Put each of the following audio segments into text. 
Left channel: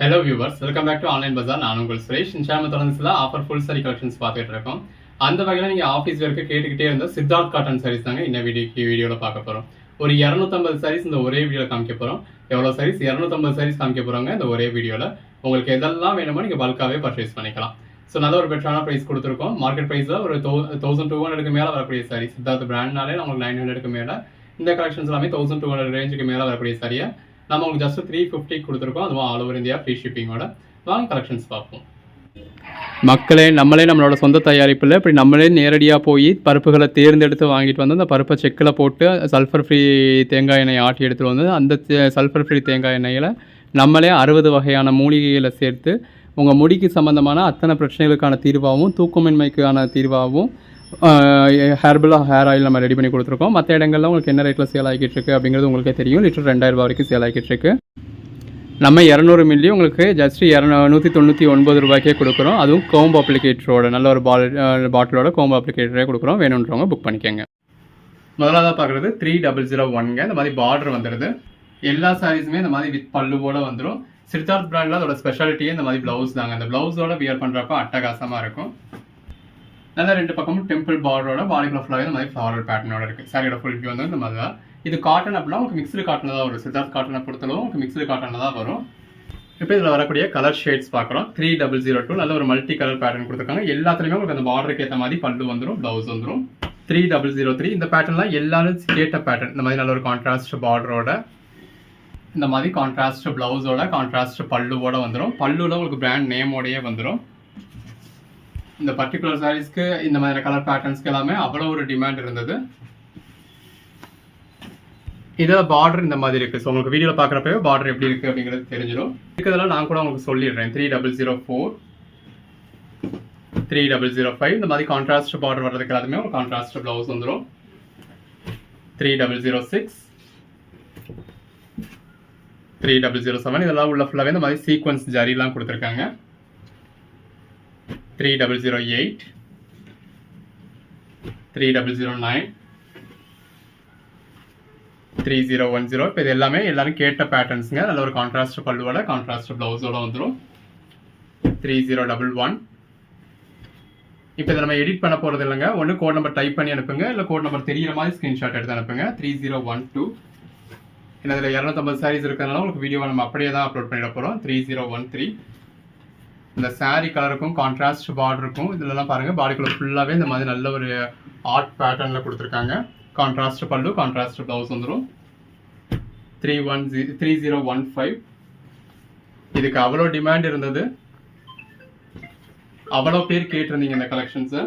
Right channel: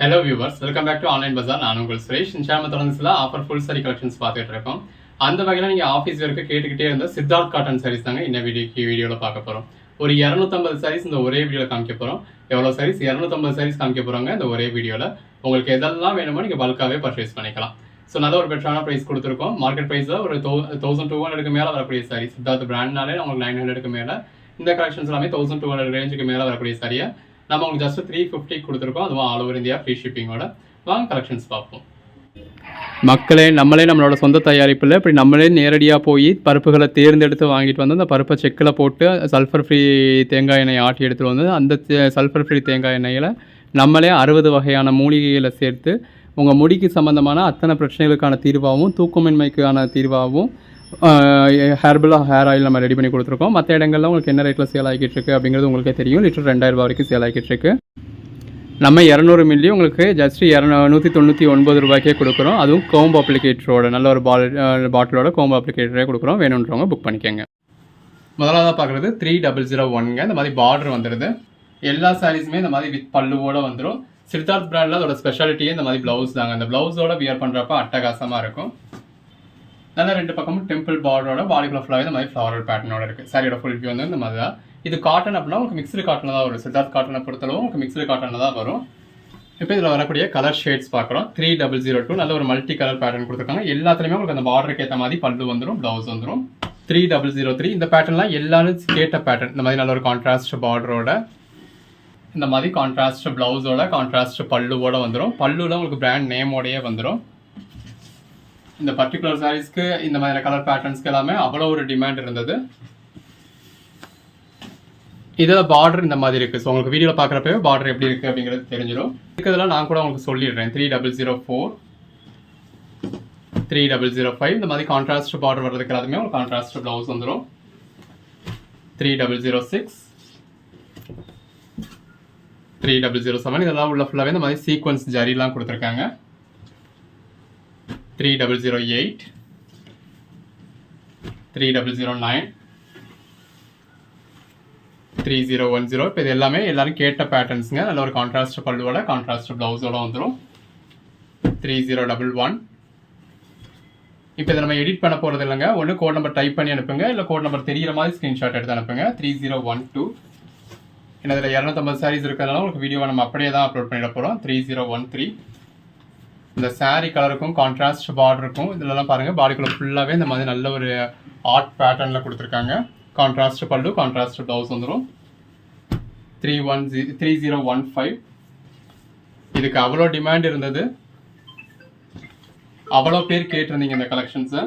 Hello viewers, welcome back to online Bazaar. நான் உங்கள் சுரேஷ். இன்ஷாம தொடர்ந்து ஆஃபர் ஃபுல் சாரி கலெக்ஷன்ஸ் பார்த்துட்டு இருக்கோம். அந்த வகையில் நீங்கள் ஆஃபீஸ் வரைக்கும் கேட்டுக்கிட்டே இருந்த சித்தார்த் காட்டன் சாரீஸ் தாங்க இந்த வீடியோவில் பார்க்க போகிறோம். ஒரு 250 சாரீஸ் இந்த ஒரே வீடியோவில் காமிக்க போகிறோம். எவ்வளோ சாரீஸ்? 250 சாரீஸ் காமிக்க போகிறாங்க இந்த ஒரே வீடியோவில். உங்களுக்கு எதெல்லாம் வேணுமோ நீங்கள் பல்காகவே பர்ச்சேஸ் பண்ணிக்கலாம். ஸோ நல்ல ஒரு பெட்டரான ப்ரைஸ் கொடுத்துருக்கோம். மார்க்கெட் ப்ரைஸில் ஒரு 1200 மேலே வரக்கூடிய சாரி. சித்தார்த் பிராண்ட்னாலே உங்களுக்கு 900 மேலே. இந்த கலெக்ஷன்ஸ் எல்லாமே 1200 ரேஞ்சுக்கு மேலே வரக்கூடிய சாரியா நம்ம உங்களுக்கு ஜஸ்ட் 350 கொடுத்துருக்கோம். அதுவும் ஆல் ஓவர் இந்தியா ஃப்ரீ ஷிப்பிங்கோட. வாங்க கலெக்ஷன்ஸ் பார்ப்போம். மக்களே, நம்மளோட சொந்த தயாரிப்பில் இப்படி நம்மளே நேரடியாக போய் பருப்புகளை தேர்ந்தெடுத்து வாங்கிட்டு வந்து அந்த பருப்பை செக்கில் போட்டு சல்ஃபர் ஃப்ரீ தேங்காய் எண்ணெய் ஆட்டி எடுத்துகிட்டு வந்து அந்த சல்ஃபர் ஃப்ரீ தேங்காய் எண்ணெயில் நம்மளே 60 வகையான மூலிகைகளை சேர்த்து உங்கள் முடிக்கு சம்மந்தமான அத்தனை பிரச்சனைகளுக்கான தீர்வாகவும் தூக்கமின்மைக்கான தீர்வாகவும் ஹேர்பலாக ஹேர் ஆயில் நம்ம ரெடி பண்ணி கொடுத்துருக்கோம். மற்ற இடங்கள்ல உங்களுக்கு என்ன ரேட்டில் சேல் ஆகிட்டு இருக்கு அப்படிங்கிறது உங்களுக்கே தெரியும். லிட்டர் 2000 ரூபா வரைக்கும் சேல் ஆகிட்டு இருக்கு. நம்ம 200 மில்லி உங்களுக்கு ஜஸ்ட் 199 ரூபாய்க்கே கொடுக்குறோம். அதுவும் கோம்பு அப்ளிகேட்டரோட நல்ல ஒரு பாட்டிலோட கோம்பு அப்ளிகேட்டரே கொடுக்குறோம். வேணுன்றவங்க புக் பண்ணிக்கோங்க. முதலாவதாக பார்க்குறது 3001ங்க. இந்த மாதிரி பார்டர் வந்துடுது. எல்லா சாரீஸுமே இந்த மாதிரி வித் பல்லுவோட வந்துடும். சித்தார்த் பிராண்டில் அதோட ஸ்பெஷாலிட்டியே இந்த மாதிரி ப்ளவுஸ் தாங்க. அந்த ப்ளவுஸோட வியர் பண்ணுறப்ப அட்டகாசமாக இருக்கும். நல்லா ரெண்டு பக்கமும் டெம்பிள் பார்டரோட பாடிக்குள்ள ஃபுல்லாக இந்த மாதிரி ஃப்ளாரல் பேட்டர்னோட இருக்குது. சாரியோட ஃபுல் வியூ வந்து இந்த மாதிரி தான். இது காட்டன் அப்படின்னா உங்களுக்கு மிக்ஸ்டு காட்டனில் தான் வரும். சித்தார்த் காட்டனை பொறுத்தளவு உங்களுக்கு மிக்ஸ்டு காட்டனில் தான் வரும். இப்போ இதில் வரக்கூடிய கலர் ஷேட்ஸ் பார்க்குறோம். 3002 நல்ல ஒரு மல்டி கலர் பேட்டர்ன் கொடுத்துருக்காங்க. எல்லாத்துலேயுமே உங்களுக்கு அந்த பார்டருக்கு ஏற்ற மாதிரி பல்லு வந்துடும், ப்ளவுஸ் வந்துடும். 3003 இந்த பேட்டர்ன்லாம் எல்லாரும் கேட்ட பேட்டர்ன். இந்த மாதிரி நல்ல ஒரு கான்ட்ராஸ்ட் பார்டரோட இந்த மாதிரி கான்ட்ராஸ்ட் ப்ளவுஸோட கான்ட்ராஸ்ட் பல்லுவோட வந்துடும். பல்லுவில் உங்களுக்கு பிராண்ட் நேமோடையே வந்துடும். இந்த பர்டிகுலர் சாரீஸ்க்கு இந்த மாதிரி கலர் பேட்டர்ன்ஸ்க்கு எல்லாமே அவ்வளோ ஒரு டிமாண்ட் இருந்தது. இதில் பார்டர் இந்த மாதிரி இருக்குது. ஸோ உங்களுக்கு வீடியோவில் பார்க்குறப்பவே பார்டர் எப்படி இருக்குது அப்படிங்கிறது தெரிஞ்சிடும். இருக்கிறதெல்லாம் நான் கூட உங்களுக்கு சொல்லிடுறேன். 3004 3005 இந்த மாதிரி கான்ட்ராஸ்ட் பார்டர் வர்றதுக்கு எல்லாத்துமே ஒரு கான்ட்ராஸ்ட் ப்ளவுஸ் வந்துடும். 3006 3007 இதெல்லாம் உள்ள ஃபுல்லாகவே இந்த மாதிரி சீக்வன்ஸ் ஜரிலாம் கொடுத்துருக்காங்க. 3008 3009 3010 இப்போ இது எல்லாமே எல்லாரும் கேட்ட பேட்டர்ன்ஸுங்க. நல்ல ஒரு கான்ட்ராஸ்ட் பல்லுவோட கான்ட்ராஸ்ட் ப்ளவுஸோட வந்துடும். 3011 இப்போ இதை நம்ம எடிட் பண்ண போகிறது இல்லைங்க. ஒன்று கோட் நம்பர் டைப் பண்ணி அனுப்புங்க, இல்லை கோட் நம்பர் தெரிகிற மாதிரி ஸ்க்ரீன்ஷாட் எடுத்து அனுப்புங்க. 3012 ஏன்னா இதில் 250 சாரீஸ் இருக்கிறதுனால உங்களுக்கு வீடியோவை நம்ம அப்படியே தான் அப்லோட் பண்ணிட போகிறோம். 3013 இந்த சாரீ கலருக்கும் கான்ட்ராஸ்ட் பார்டருக்கும் இதெல்லாம் பாருங்கள் பாடிக்குள்ள ஃபுல்லாகவே இந்த மாதிரி நல்ல ஒரு ஆர்ட் பேட்டர்னில் கொடுத்துருக்காங்க. கான்ட்ராஸ்ட் பல்லு கான்ட்ராஸ்ட் ப்ளவுஸ் வந்துடும். 3015 இதுக்கு அவ்வளோ டிமாண்ட் இருந்தது, அவ்வளோ பேர் கேட்டிருந்தீங்க இந்த கலெக்ஷன்ஸை.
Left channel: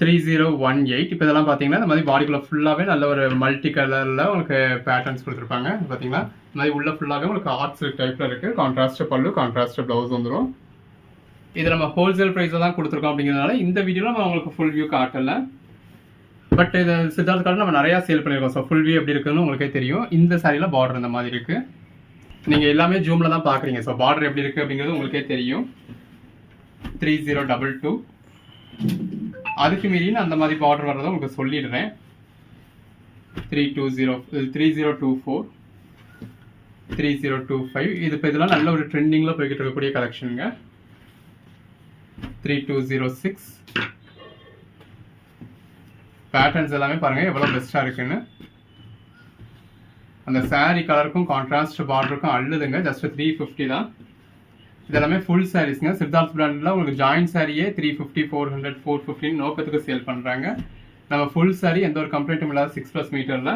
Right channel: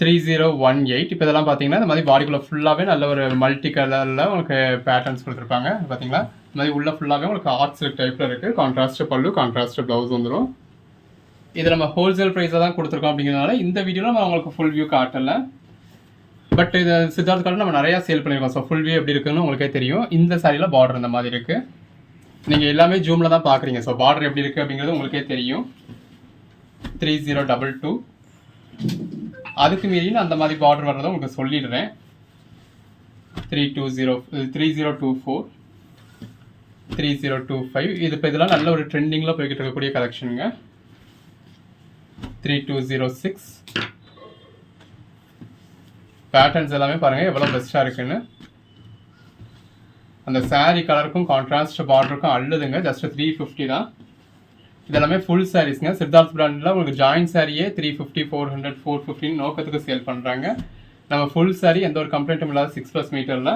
3018 இப்போ இதெல்லாம் பார்த்தீங்கன்னா இந்த மாதிரி பாடிக்குள்ள ஃபுல்லாகவே நல்ல ஒரு மல்டி கலரில் உங்களுக்கு பேட்டர்ன்ஸ் கொடுத்துருப்பாங்க. பார்த்தீங்களா இந்த மாதிரி உள்ள ஃபுல்லாகவே உங்களுக்கு ஆர்ட் சில்க் டைப்பில் இருக்குது. கான்ட்ராஸ்ட் பல்லு கான்ட்ராஸ்ட் ப்ளவுஸ் வந்துடும். இது நம்ம ஹோல்சேல் ப்ரைஸில் தான் கொடுத்துருக்கோம் அப்படிங்கிறதுனால இந்த வீடியோவில் நம்ம உங்களுக்கு ஃபுல் வியூ காட்டலை. பட் இது சித்தார்த் காட்டன் நம்ம நிறையா சேல் பண்ணியிருக்கோம். ஸோ ஃபுல் வியூ எப்படி இருக்குன்னு உங்களுக்கே தெரியும். இந்த சாரியில் பார்டர் இந்த மாதிரி இருக்குது. நீங்கள் எல்லாமே ஜூமில் தான் பார்க்குறீங்க. ஸோ பார்டர் எப்படி இருக்குது அப்படிங்கிறது உங்களுக்கே தெரியும். 3022 அதுக்கு மீறி நான் அந்த மாதிரி பார்டர் வர்றதை உங்களுக்கு சொல்லிடுறேன். 3024 3025 இது இப்போ இதெல்லாம் நல்ல ஒரு ட்ரெண்டிங்கில் போய்கிட்டு இருக்கக்கூடிய கலெக்ஷனுங்க. 3206 பேட்டர்ன்ஸ் எல்லாமே பாருங்கள் எவ்வளோ பெஸ்ட்டாக இருக்குன்னு. அந்த சாரீ கலருக்கும் கான்ட்ராஸ்ட் பார்டருக்கும் அள்ளுதுங்க. ஜஸ்ட் 350 தான். இதெல்லாமே ஃபுல் சாரீஸ்ங்க. சித்தார்த் பிராண்டில் உங்களுக்கு ஜாயின்ட் சாரியே 350 400 450 நோக்கத்துக்கு சேல் பண்ணுறாங்க. நம்ம ஃபுல் சாரீ எந்த ஒரு கம்ப்ளைண்ட்டும் இல்லாத 6+ மீட்டரில்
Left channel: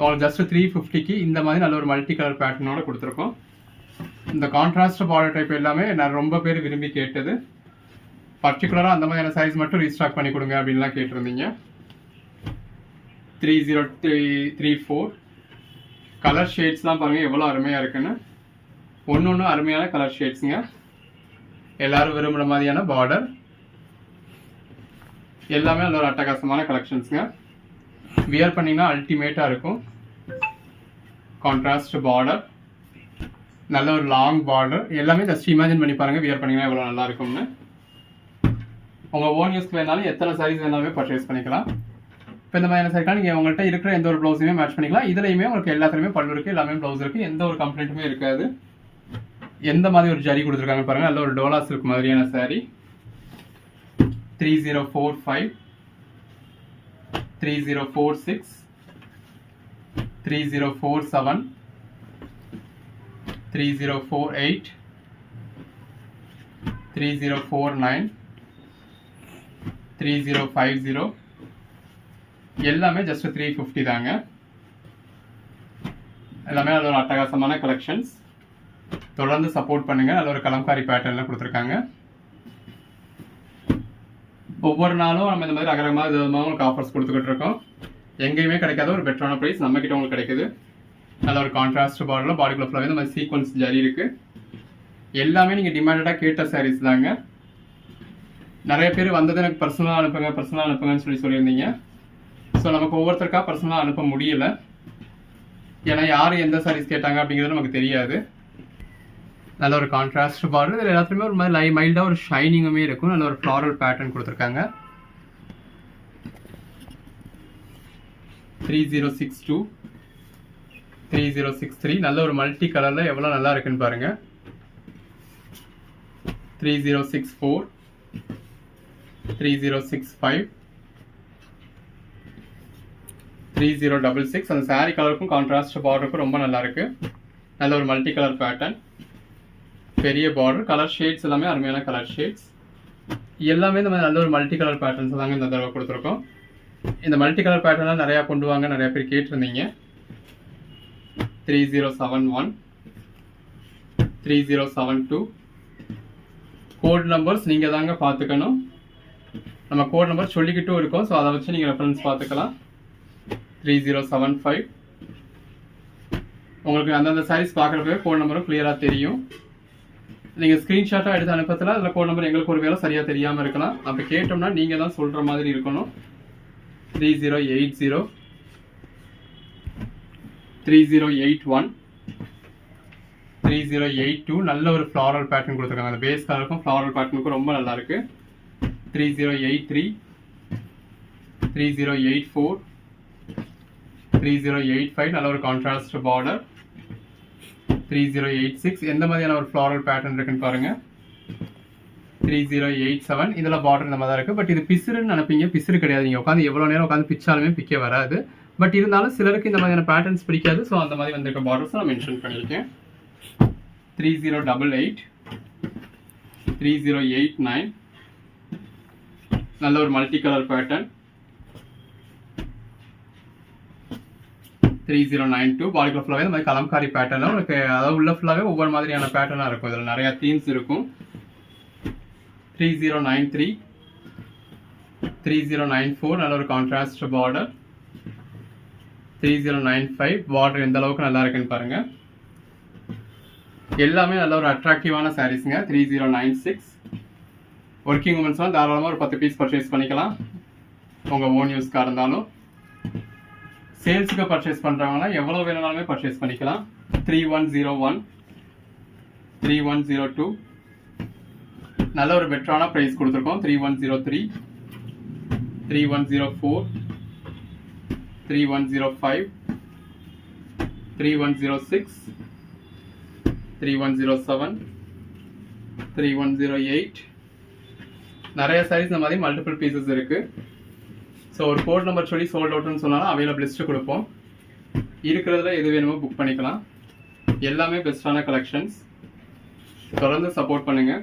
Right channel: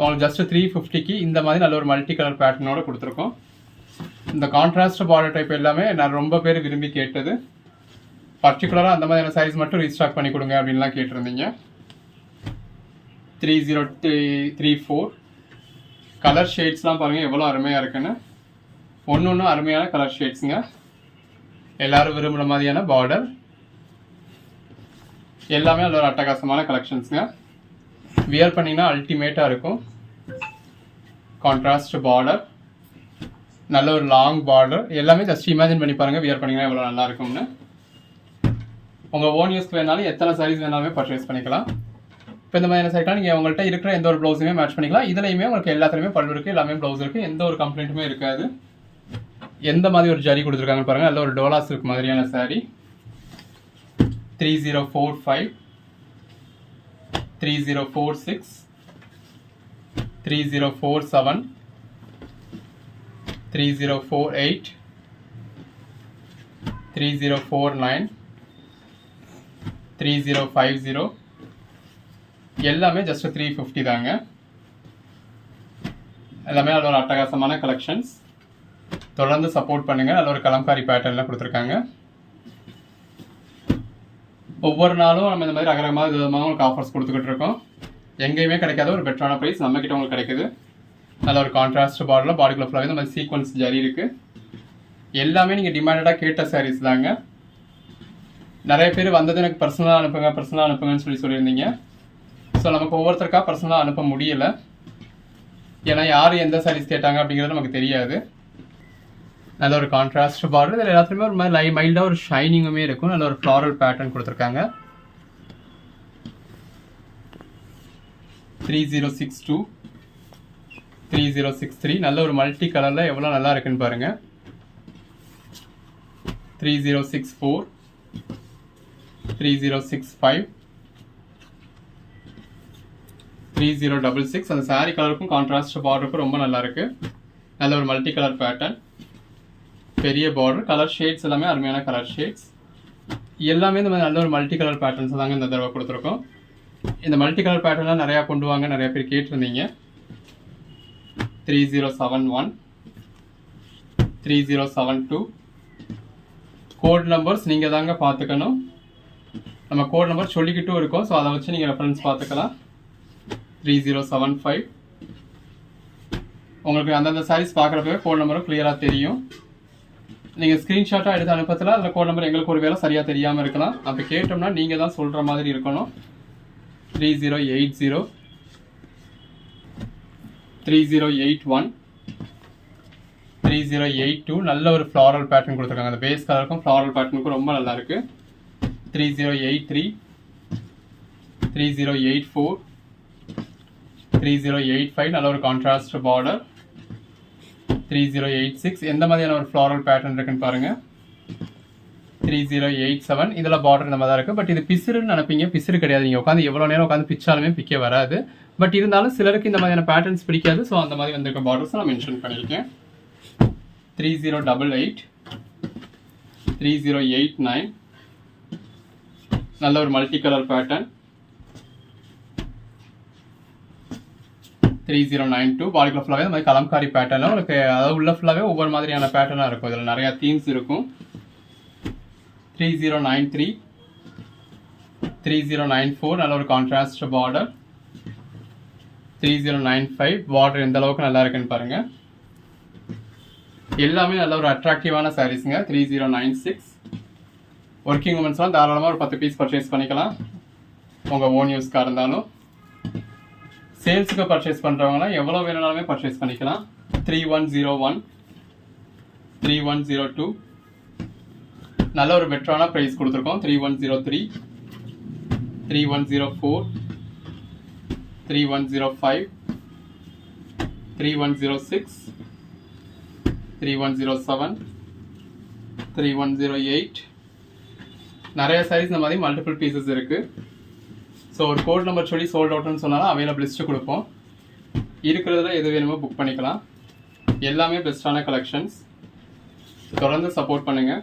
உங்களுக்கு ஜஸ்ட் 350க்கு இந்த மாதிரி நல்ல ஒரு மல்டி கலர் பேட்டர்னோட கொடுத்துருக்கோம். இந்த கான்ட்ராஸ்ட் பார்டர் டைப் எல்லாமே நான் ரொம்ப பேர் விரும்பி கேட்டது. பர்டிகுலராக அந்த மாதிரியான சாரீஸ் மட்டும் ரீஸ்டாக் பண்ணி கொடுங்க அப்படின்லாம் கேட்டிருந்தீங்க. 3034 கலர் ஷேட்ஸ்லாம் பாருங்கள் எவ்வளோ அருமையாக இருக்குன்னு. ஒன்று அருமையான கலர் ஷேட்ஸுங்க. எல்லாரும் விரும்புகிற மாதிரியான பார்டர் எல்லாமே நல்ல ஒரு அட்டகாசமான கலெக்ஷன்ஸுங்க. வியர் பண்ணிங்கன்னா அல்டிமேட்டாக இருக்கும். கான்ட்ராஸ்ட் பார்டர் நல்ல ஒரு லாங் பார்டர் எல்லாமே ஜஸ்ட் இமேஜின் பண்ணி பாருங்கள் வியர் பண்ணிங்கன்னா எவ்வளோ நல்லா இருக்கும்னு. உங்கள் ஓன் யூஸ்க்கு வேணாலும் எத்தனை சாரீஸ் வேணாலுமே பர்ச்சேஸ் பண்ணிக்கலாம். இப்போ இந்த மாதிரியான சைக்கிள் நீங்கள் உங்கள்கிட்ட இருக்கிற எந்த ஒரு ப்ளவுஸுமே மேட்ச் பண்ணிக்கலாம். இதுலையுமே உங்களுக்கு எல்லாத்துலேயுமே பல்லு இருக்குது, எல்லாமே ப்ளவுஸ் இருக்குது, எந்த ஒரு கம்ப்ளைண்ட்டுமே இருக்காது. எந்த மாதிரி ஒரு ஜரி கொடுத்துருக்காங்க பாருங்கள், நல்ல ஒரு டோலா சில்க் மாதிரியான saree. 3045, 3046, 3047, 3048, 3049, 3050, எல்லாமே ஜஸ்ட் 350 தாங்க. எல்லாமே நல்ல ஒரு அட்டகாசமான கலெக்ஷன்ஸ். தொடர்ந்து சப்போர்ட் பண்ணுங்க. நல்ல ஒரு கலம்காரி பேட்டர்ன்லாம் கொடுத்துருக்காங்க. ஒவ்வொரு நாளும் நம்ம இந்த மாதிரி ரகரகமாக விதமாக உங்களுக்கு ஆஃபர்ஸ் கொடுத்துக்கிட்டு இருக்கோம். எங்கேயுமே கிடைக்காத ஒரு பெட்டரான ப்ரைஸ் நம்ம கிட்ட உங்களுக்கு கிடைக்குது. நல்ல ஒரு கான்ட்ராஸ்ட் பார்டரில் பாடிக்குள்ள ஃபுல்லாகவே இந்த மாதிரி சீக்வன்ஸ் ஜரி இருக்குது. எல்லாமே நீங்கள் டிமாண்டடாக கேட்ட சாரீஸ் தாங்க. நிறைய பேர் வந்தது எனக்கு பர்சனலாக அனுப்புங்கன்னு சொல்லியிருந்தீங்க. ஸோ நமக்கு ஒவ்வொருத்தருக்காக பர்சனலாக அனுப்ப முடியலை. ஏன்னா யார் எந்த சாரீஸ் கேட்டாங்க அப்படிங்கிறது நமக்கு தெரியாது. நல்ல ஒரு கான்ட்ராஸ்ட் பார்டர், இதில் எல்லாத்துலேயுமே ஒரு மாதிரி மைல்டாக ஒரு ஷைனிங்குமே இருக்கும். நல்ல ஒரு ஃப்ளாரல் பேட்டர்ன் கொடுத்துருக்காங்க. 3062, 3063, நல்ல ஒரு மல்டி கலரில் எவ்வளோ நல்லா இருக்குன்னு பாருங்கள். 3064, 3065, 3066. அந்த சாரீ கலருக்கும் கான்ட்ராஸ்ட் பார்டருக்கும் ரொம்ப நல்லா இருக்கு. நல்ல ஒரு மல்டி கலர் பேட்டர்ன், பெரிய பார்டர், கலர் ஷேட்ஸ் எல்லாமே அருமையான கலர் ஷேட்ஸ். எல்லாமே இந்த மாதிரி நல்ல ஒரு மல்டி கலர் பேட்டர்ன்ஸ் தாங்க இந்த தடவை கொடுத்துருக்கோம். இந்த மல்டி கலர் பேட்டர்ன்லாம் நிறையா கொண்டு வாங்க, நிறைய பேர் கேட்டிருந்தீங்க. 3071, 3072. கோட் நம்பர்ஸ் நீங்கள் தாங்க பார்த்துக்கணும். நம்ம கோட் நம்பர் சொல்லிக்கிட்டும் இருக்கோம். ஸோ அதை வச்சு நீங்கள் ரெஃபரன்ஸ் பார்த்துக்கலாம். 3075. உங்களுக்கு அந்தந்த சாரீஸ் பார்க்குறப்பவே கோட் நம்பரும் கிளியராக தெரியும். நீங்கள் ஸ்க்ரீன்ஷாட்டாக எடுத்து அனுப்பத்தில் அதில் கோட் நம்பர் எங்களுக்கு ஒரு வேலை சரியாக தெரியாமல் இருக்கலாம். அப்போ கேட்டோம்னா நீங்கள் தான் சொல்கிற மாதிரி இருக்கணும். 3080, 3081, 3082. நல்ல ஒரு ஃப்ளாரல் பேட்டர்ன் கொடுத்துருக்காங்க. அந்த பேஸ் கலருக்கும் ஃப்ளாரல் பேட்டர்னுக்கும் ரொம்ப நல்லா இருக்கு. 3083, 3084, 3085. நல்ல ஒரு கான்ட்ராஸ்ட் பார்டர். 3086. எந்த மாதிரியான ஒரு ஃப்ளாரல் பேட்டர்ன் இருக்குன்னு பாருங்க. 3087. இதில் பார்டர் இந்த மாதிரி தான் இருக்குது. பட் இது பிசுறுன்னு நினைப்பீங்க, பிசுறு கிடையாது. நீங்கள் உட்காந்து எவ்வளோ நேரம் உட்காந்து பிச்சாலுமே பிக்க வராது. பட் இருந்தாலும் சிலருக்கு இந்த மாதிரியான பேட்டர்ன்ஸ் பிடிக்காது. ஸோ அந்த மாதிரி வந்திருக்க பார்டர்ஸ் நான் மென்ஷன் பண்ணியிருக்கேன். 3088, 3089. நல்ல ஒரு மல்டி கலர் பேட்டர்ன். 3092. பாடிக்குள்ள ஃபுல்லாகவே இந்த மாதிரி கலம்காரி பேட்டர்னில் உங்களுக்கு அதாவது உள்ள ஃபுல்லாகவே ஒவ்வொரு மாதிரியான பேட்டர்னாக இருக்கும். இதில் நிறையா தீம்ஸ் இருக்கும். 3093, 3094. நல்ல ஒரு கான்ட்ராஸ்ட் பார்டர். 3095. பார்டர் எந்த அளவுக்கு நல்லா இருக்குன்னு பாருங்க. எல்லாமே நல்ல ஒரு அட்ராக்டிவான சாரீஸுங்க. 3096. ஒர்க்கிங் உமன்ஸ்லாம் தாராளமாக ஒரு 10 பீஸ் பர்ச்சேஸ் பண்ணிக்கலாம். உங்கள் ஓன் யூஸ்க்காக இருந்தாலும் சேல்ஸுக்கு பர்ச்சேஸ் பண்ணுறவங்களாம் எவ்வளோ வேணுனாலுமே பர்ச்சேஸ் பண்ணிக்கலாம். 3101, 3102. நல்ல ஒரு பெட்டரான ப்ரைஸ் கொடுத்துருக்கோம். 3103, 3104, 3105, 3106, 3107, 3108. நிறைய சைஸ் இந்த மாதிரி மல்டிபிள் பீசஸ் இருக்குது. ஸோ ஒரு கோட் நம்பர் சொல்லி சோல்ட் அவுட்னு சொன்னாலும் அவைலபிள் லிஸ்ட்டு கொடுப்போம். இருக்கிறதுல எது வேணுமோ புக் பண்ணிக்கலாம். எல்லாமே பெஸ்ட்டான கலெக்ஷன்ஸ். தொடர்ந்து சப்போர்ட் பண்ணுங்கள்.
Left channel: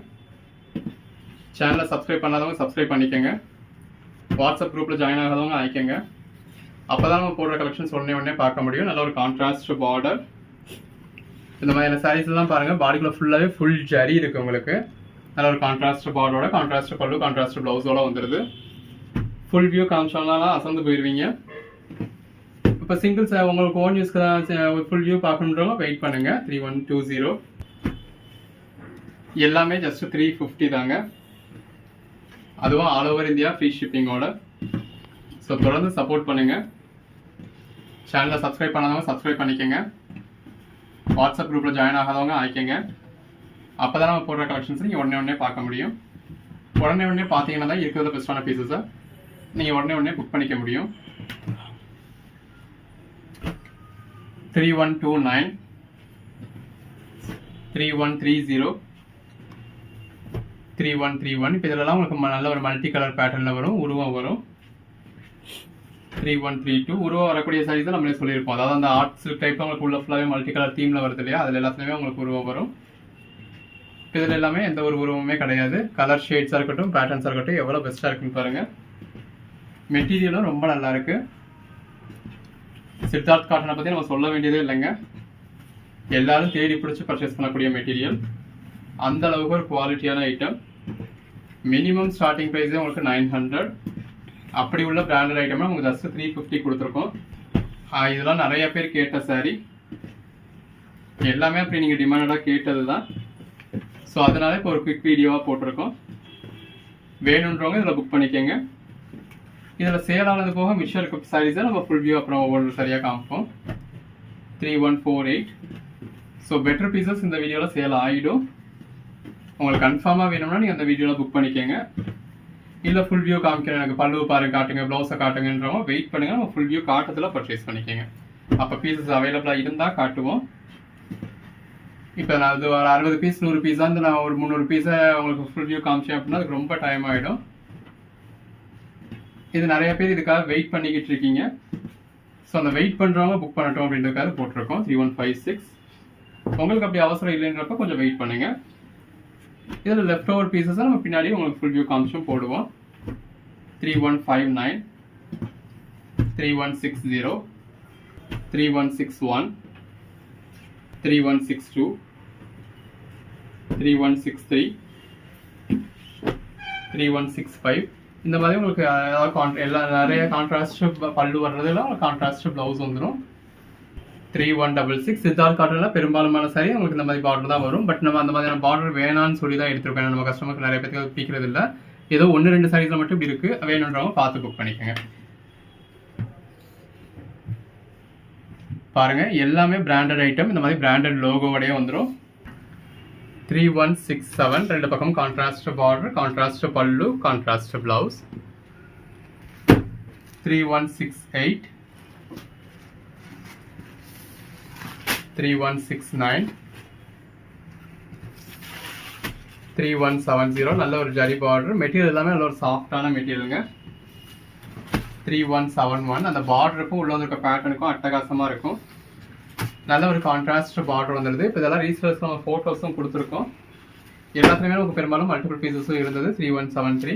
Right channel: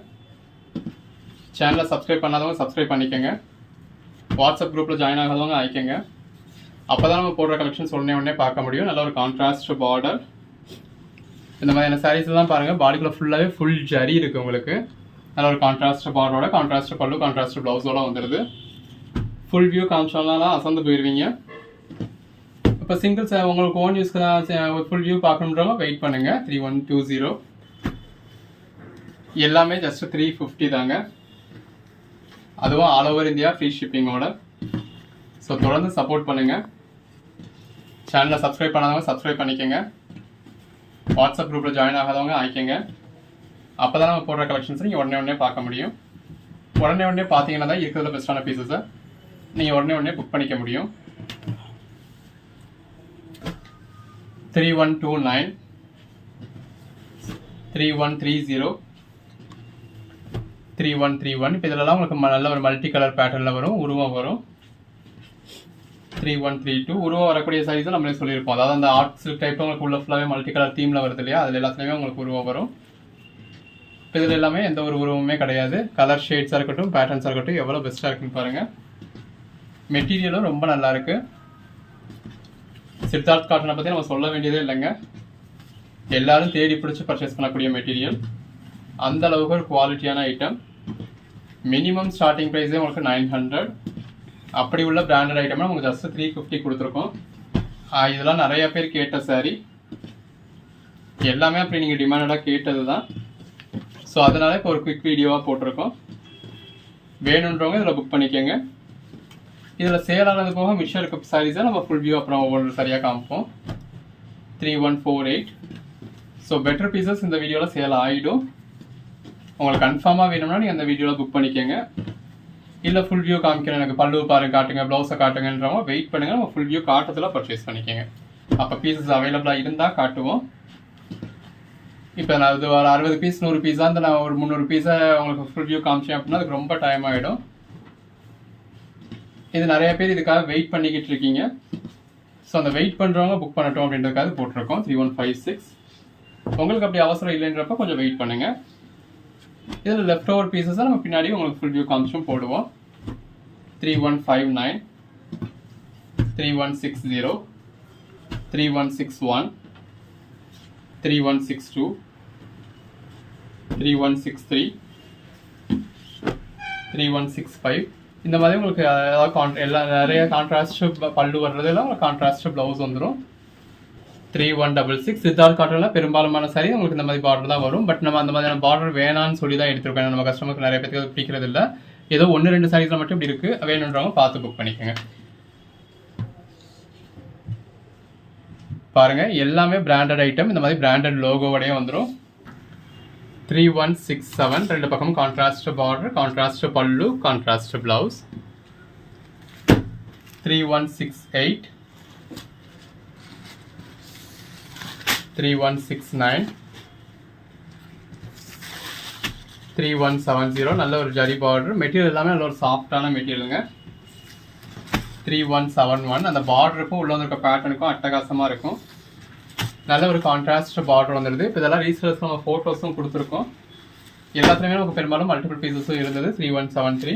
சேனலை சப்ஸ்கிரைப் பண்ணாதவங்க சப்ஸ்கிரைப் பண்ணிக்கோங்க. வாட்ஸ்அப் குரூப்பில் ஜாயின் ஆகாதவங்க ஆயிக்கோங்க. அப்போ தான் நம்ம போடுற கலெக்ஷன்ஸ் உடனே பார்க்க முடியும். நல்ல ஒரு கான்ட்ராஸ்ட் பார்டர். இந்த மாதிரியான சாரீஸ் தான் பாருங்கள். பாடிக்குள்ள ஃபுல்லாகவே ஃபுல் ஜரி இருக்குது உங்களுக்கு. நல்ல ஒரு கான்ட்ராஸ்ட் பார்டரோட கான்ட்ராஸ்ட் பல்லு, கான்ட்ராஸ்ட் ப்ளவுஸோட வந்துடுது. ஃபுல் வியூ காமிச்சோம்னா அசந்து போயிடுவீங்க. இப்போ சிங்கிள்ஸ் உங்களுக்கு ஓன் யூஸ்க்கு தான் ஃபுல் வியூ பார்க்கணுன்றவங்க வெயிட் பண்ணுங்கள். 3120. எல்லாமே ஜஸ்ட் 350 தாங்க. அதுவும் ஆல் ஓவர் இந்தியா ஃப்ரீ ஷிப்பிங்கோட. ஸோ தொடர்ந்து சப்போர்ட் பண்ணுங்கள். சேனலை சப்ஸ்கிரைப் பண்ணாதவங்க சப்ஸ்கிரைப் பண்ணிக்கோங்க. வாட்ஸ்அப் குரூப்பில் ஜாயின் ஆகாதவங்க ஆயிக்கோங்க. அப்போ தான் நம்ம போடுற கலெக்ஷன்ஸ் நீங்கள் உடனே பார்க்க முடியும். உடனே பார்த்தீங்கன்னா தான் இருக்கிறதுல பெஸ்ட்டான பீசஸை நீங்கள் உடனே புக் பண்ணிக்க முடியும். 3129, 3130, 3131. இப்போ இதெல்லாம் உங்களுக்கு நல்ல ஒரு மல்டி கலர் பேட்டர்னில் வரும், உருவம் வரும். 3132 உருவம் வரக்கூடிய சாரீஸ் நம்மளே சொல்லியிருப்போம். அதாவது அந்த ஆர்ட் சில்க் டைப் உங்களுக்கு உள்ள ஃபுல்லாகவே மல்டி கலர் தீமில் வருது இல்லையா, அதில் எல்லாத்துலேயுமே உங்களுக்கு உருவம் வரும். இதில் எல்லாமே எந்த ஒரு உருவமே கிடையாது. கலர் ஷேட்ஸாக இருக்கட்டும், பேட்டர்ன்ஸாக இருக்கட்டும், எவ்வளோ பெஸ்ட்டாக இருக்குன்னு பாருங்கள். மெட்டீரியலும் ரொம்ப நல்லா இருக்குது. சித்தார்த் காட்டனை பற்றி நம்ம சொல்ல வேண்டியதே இல்லைங்க. எல்லாரும் தேடி பிடிச்சி பர்ச்சேஸ் பண்ணக்கூடிய மெட்டீரியல். அந்த அளவுக்கு ஒரு குவாலிட்டியான ஐட்டம். மினிமம் ஸ்டார்டிங் ப்ரைஸே உங்களுக்கு 900. அப்படி உள்ள பிராண்டட் ஐட்டம்னா உங்களுக்கு ஜஸ்ட் 350 கொடுத்துருக்கோம். இதெல்லாம் நிறைய பேர் கேட்ட சாரி, எல்லாமே அப்படி நீங்கள் டிமாண்டடாக கேட்டது தான். ஸோ அதனால இப்போ ஒரு குவிக் வீடியோவாக போட்டிருக்கோம். வேணுன்றவங்க இதில் புக் பண்ணிக்கோங்க. இதில் சேல் ஆனது போக மிஷர் இருக்க சாரீஸை நம்ம ஃபுல் வியூ அப்புறம் ஒவ்வொரு சரியாக காமிப்போம். 3148. ஸோ பெட்டர் பீசஸ் இந்த வீடியோவில் சேல் ஆகிடும். உங்களுக்கு கன்ஃபார்மாக வேணும்னா நீங்கள் அந்த வீடியோவில் புக் பண்ணிக்கோங்க. இல்லை ஃபுல் வியூ காமிக்கிறேன், எனக்கு பல்லு பாருங்க காட்டுங்க, ப்ளவுஸை காட்டுங்கன்றவங்க வெயிட் பண்ணுங்கள், நம்ம ஃபுல் வியூ காட்டத்தில் பர்ச்சேஸ் பண்ணிக்கோங்க. அப்போ பீசஸ் அவைலபிளாக இருந்தால் காட்டுவோம். இப்போ நான் அது ஒரு 60 பீஸ் 100 பீஸாக இருந்தால் நான் ஒரு 300 பீஸை உங்களுக்கு ஃபுல் வியூ காமிச்சேன் அப்படின்னா அதுக்கு ரொம்ப டைம் ஆகிடும். இது நிறைய பேர் இதுக்காக வெயிட் பண்ணிக்கிட்டு இருக்கீங்க. ஸோ அந்த வெயிட் பண்ணுறவங்க புக் பண்ணட்டும் அப்படின்றதுக்காக போட்டிருக்கோம். 3156. உங்களுக்கு அப்படி அவசரம் இல்லைன்றப்ப கொஞ்சம் வெயிட் பண்ணுங்கள். இதில் லெஃப்ட் ஓவர் பீசஸாக நம்ம பின்னாடி உங்களுக்கு ஃபுல் வியூ காமிச்சும் போடுவோம். 3159, 3160, 3161, 3162, 3163, 3165. இந்த மாதிரி உங்களுக்கு ஏதாவது நிறைய கான்ட்ராஸ்ட் பல்லு வர்றதுலாம் கான்ட்ராஸ்ட் ப்ளவுஸ் வந்துடும். 3166. சித்தார்த் காட்டனில் பெரும்பாலுமான சாரி உங்களுக்கு இந்த மாதிரி பார்டர் தான் வரும். பட் நம்ம அந்த மாதிரியான பார்டர் வேணான்னு சொல்லி தான் எடுத்துருக்கோம். நம்ம கஸ்டமருக்கு நிறைய பேருக்கு பிடிக்கிறது இல்லை. ஏதோ 1-2 சாரீஸில் மட்டும் இப்படி இருக்குது, வேணுன்றவங்க பார்த்து புக் பண்ணிக்கோங்க. பாருங்கள், எல்லாமே பிராண்டட் ஐட்டம். இந்த மாதிரி பிராண்டட் லோகோவோடய வந்துடும். 3167. ரெண்டு பக்கமும் கான்ட்ராஸ்ட் பார்டர், கான்ட்ராஸ்ட் பல்லு, கான்ட்ராஸ்ட் பிளவுஸ். 3168, 3169, 3170. நல்ல ஒரு ஜரி பார்டர். மெட்டீரியல் எல்லாமே நல்ல ஒரு சாஃப்டான மெட்டீரியலுங்க. 3171. அந்த பார்டருக்கும் உள்ள இருக்க பேட்டர்னுக்கும் அட்டகாசமாக இருக்கும். நல்ல ஒரு கான்ட்ராஸ்ட் பார்டர் வந்துடுது. இப்போ இதெல்லாம் ரீசேலர்ஸ் நம்ம ஃபோட்டோஸும் கொடுத்துருக்கோம். எல்லாத்துலேயுமே நமக்கு பெரும்பாலும் மல்டிபிள் பீசஸும் இருந்தது. 3173.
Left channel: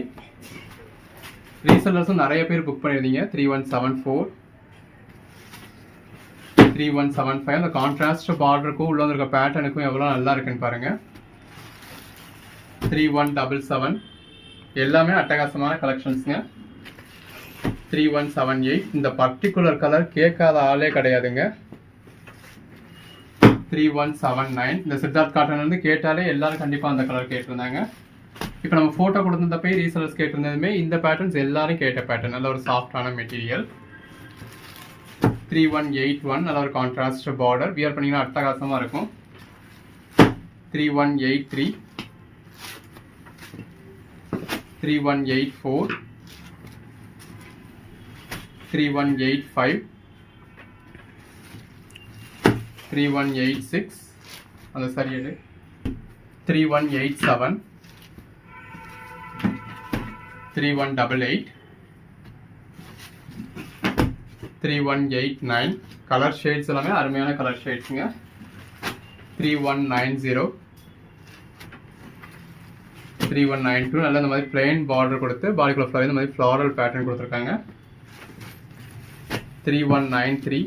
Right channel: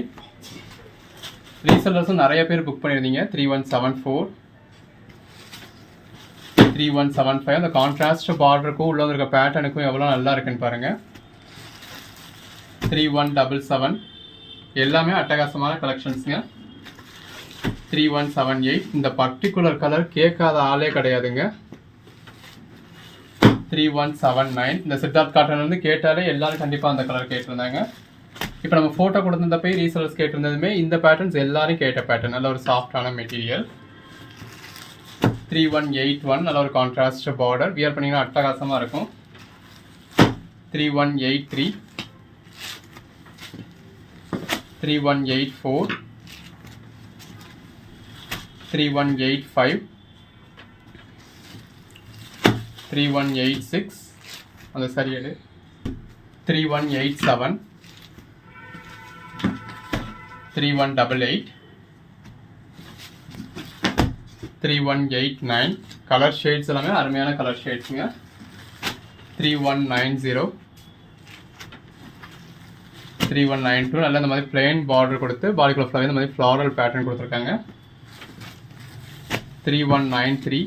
ரீசேலர்ஸும் நிறைய பேர் புக் பண்ணியிருந்தீங்க. 3174, 3175. அந்த கான்ட்ராஸ்ட் பார்டருக்கும் உள்ள இருக்க பேட்டர்னுக்கும் எவ்வளோ நல்லா இருக்குன்னு பாருங்கள். 3177. எல்லாமே அட்டகாசமான கலெக்ஷன்ஸுங்க. 3178. இந்த பர்டிகுலர் கலர் கேட்காத ஆளே கிடையாதுங்க. 3179. இந்த சித்தார்த் காட்டன் வந்து கேட்டாலே எல்லாரும் கண்டிப்பாக அந்த கலர் கேட்டிருந்தாங்க. இப்போ நம்ம ஃபோட்டோ கொடுத்துருந்தப்போ ரீசேலர்ஸ் கேட்டிருந்ததுமே இந்த பேட்டர்ன்ஸ் எல்லாரும் கேட்ட பேட்டர்ன். நல்ல ஒரு சாஃப்டான மெட்டீரியல். 3181. நல்ல ஒரு கான்ட்ராஸ்ட் பார்டர். வியர் பண்ணிங்கன்னா அட்டகாசமாக இருக்கும். 3183, 3184, 3185, 3186. அந்த சரியாது. 3187, 3188, 3189. கலர் ஷேட்ஸ் எல்லாமே அருமையான கலர் ஷேட்ஸுங்க. 3190, 3192. நல்ல இந்த மாதிரி பிளெயின் பார்டர் கொடுத்து பாடிக்குள்ள ஃபுல்லாக இந்த மாதிரி ஃப்ளாரல் பேட்டர்ன் கொடுத்துருக்காங்க. 3193,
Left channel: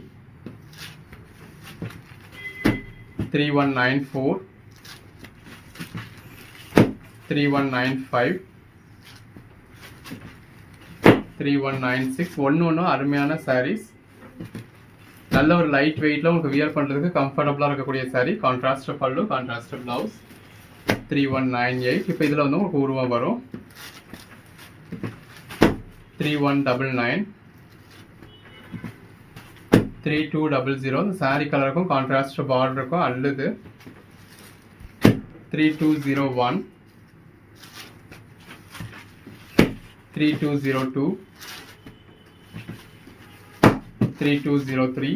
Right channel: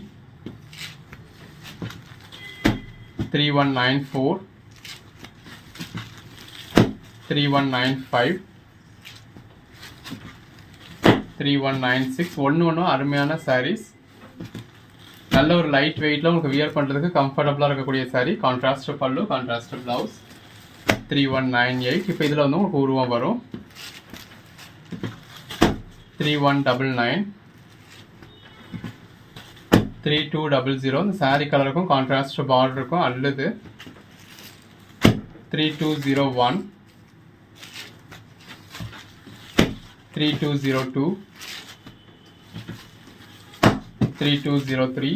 3194, 3195, 3196. ஒன்று அருமையான சாரீஸ். நல்ல ஒரு லைட் வெயிட்டில் உங்களுக்கு வியர் பண்ணுறதுக்கு கம்ஃபர்டபுளாக இருக்கக்கூடிய சாரீ. கான்ட்ராஸ்ட் பல்லு, கான்ட்ராஸ்ட் ப்ளவுஸ். 3198. இப்போ இதில் வந்து உங்களுக்கு உருவம் வரும். 3199, 3200. இந்த சாரீ கலருக்கும் கான்ட்ராஸ்ட் பார்டருக்கும் அல்லது. 3201, 3202, 3203,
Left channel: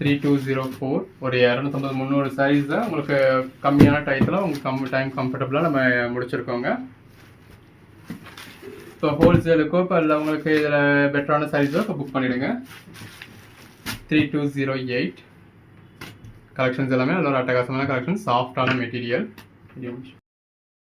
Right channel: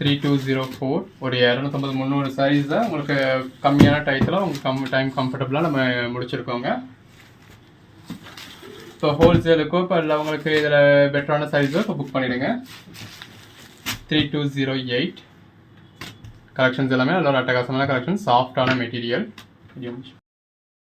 3204. ஒரு 250-300 சாரீஸ் தான் உங்களுக்கு கம்மியான டயத்தில் உங்களுக்கு டைம் கம்ஃபர்டபுளாக நம்ம முடிச்சிருக்கோங்க. இப்போ ஹோல்சேலுக்கோ இப்போ இல்லை உங்களுக்கு இதில் பெட்டரான சாரீஸோ இப்போ புக் பண்ணிவிடுங்க. 3208 கலெக்ஷன்ஸ் எல்லாமே நல்ல ஒரு அட்டகாசமான கலெக்ஷன், சாஃப்டான மெட்டீரியல்.